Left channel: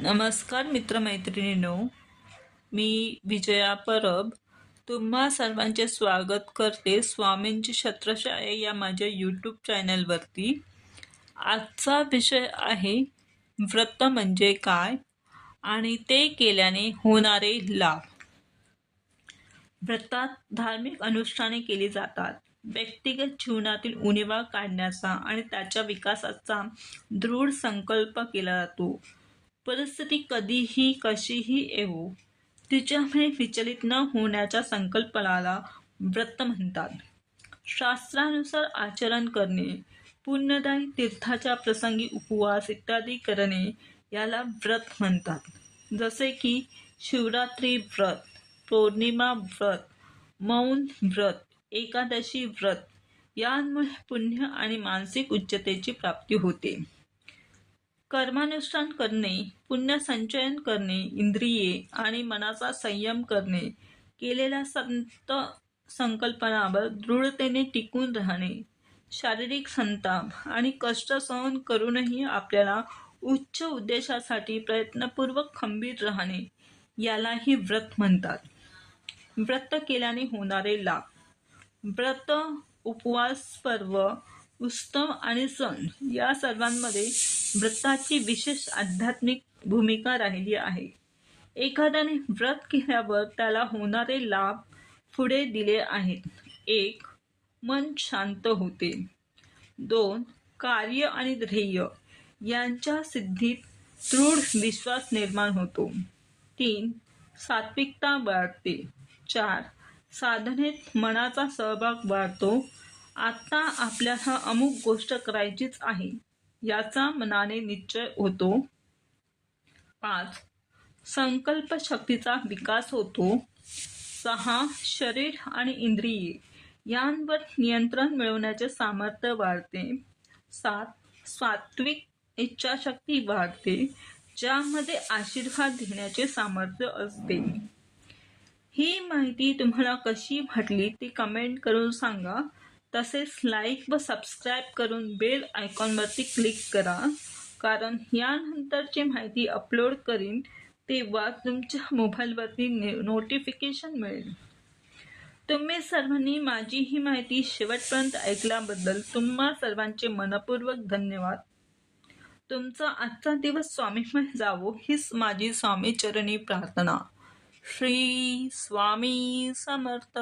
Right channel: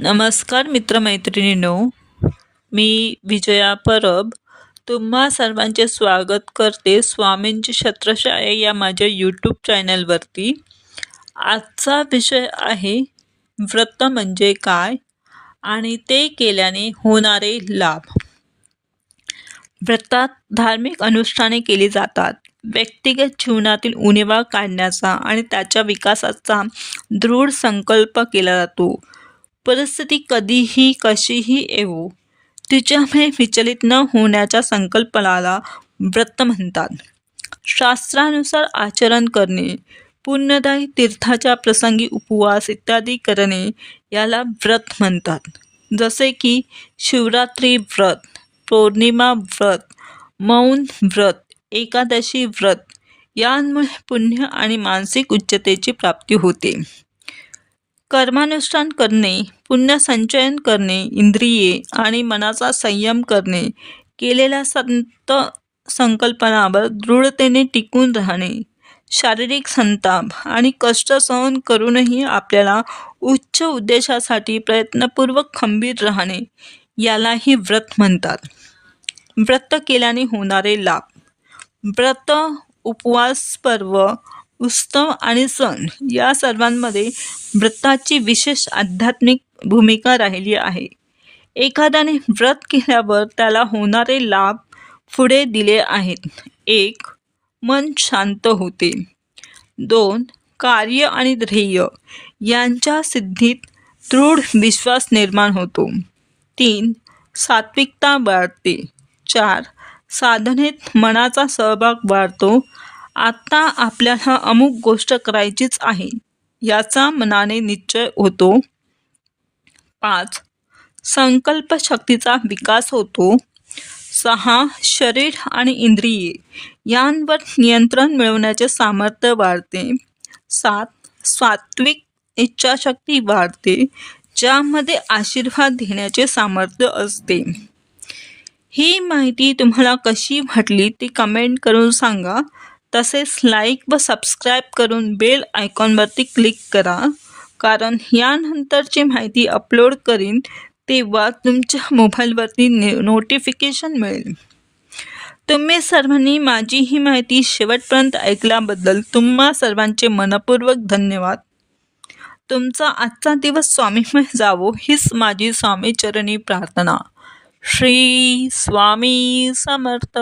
नमस्कार मित्रमैत्रिणींनो, मी विजया परब तुम्हा सर्वांचे स्वागत करते स्वामींची छत्रछाया या माझ्या यूट्यूब चॅनलवरती. आजचा विषय आहे व्रत म्हणजे काय आणि ते केल्याने होणारे लाभ. व्रतात धार्मिक अनुष्ठाने केली जातात. व्यक्तिगत जीवनातील उणिवा काढण्याचा आणि त्याच्या विकासाचा दृढ संकल्प केला जातो. परिस्थिती कधीही कशीही येवो, तिच्यामुळे विचलित न होण्याच्या संकल्पनाला व्रत म्हणतात. शास्त्रानुसार आचरण करणे, पुण्यदायी तीर्थाच्या प्रसंगी उपवास इत्यादी करणे याला व्रत म्हणतात. जसे की शिवरात्री व्रत, पौर्णिमा व्रत, मौन व्रत, एकादशी व्रत यांमुळे पुण्य आणि मानसिक उच्चतेची प्राप्ती होते. कर्मानुष्ठान करणे, पुण्य संचयन करणे, इंद्रिये आणि मनाचा संयम करणे, केलेल्या संत संकल्पनावर दृढतेने टिकून राहणे, शारीरिक संताप आणि कष्ट सहन करूनही आपल्याला उच्च उद्देशासाठी प्रयत्नपूर्वक खंबीर राहणे यालाही व्रत म्हणतात. व्रत केल्याने होणारे लाभ. व्रत, उपवास, पर्व, उत्सव आणि सण या सर्वांमध्ये व्रताची विशेष आध्यात्मिक भूमिका राहिली आहे. एखाद्याने व्रत केल्यावर त्याला होणारे लाभ पुढे दिले आहेत. 1. मन शांत होते. 2. कार्य आणि ध्येय यांच्या सिद्धीत दृढ विश्वास निर्माण होतो. 3. सात्विकता वाढते. 4. साधनेत मनाचा सहभाग वाढतो. आता आपल्याला अमुक गोष्ट करायचीच आहे याचा मनाने निश्चय होतो. 5. संकल्पशक्तीचा विकास होतो. 6. शरीर आणि इंद्रिये यांवर नियंत्रण मिळवण्याचे सामर्थ्य वाढते. 7. सात्विक इच्छाशक्ती वाढते, ज्यामध्ये आशीर्वाद देण्याचे सामर्थ्य असते. ही माहिती तुम्हाला कशी वाटली ती कमेंट करून सांगा. तसेच लाईक व सबस्क्राईब करून बेल आयकॉनवरती क्लिक करा, कारण यानंतरची माहिती अपलोड करीन तेव्हा तुमच्या मोबाईलवरती नोटिफिकेशन मिळेल. तुम्ही सर्वांनी माझी ही माहिती शेवटपर्यंत ऐकल्याबद्दल तुम्हा सर्वांचे मनपूर्वक धन्यवाद. तुमचा आजचा दिवस स्वामीमय जावो हीच माझी स्वामीचरणी प्रार्थना. श्री स्वामी समर्थ.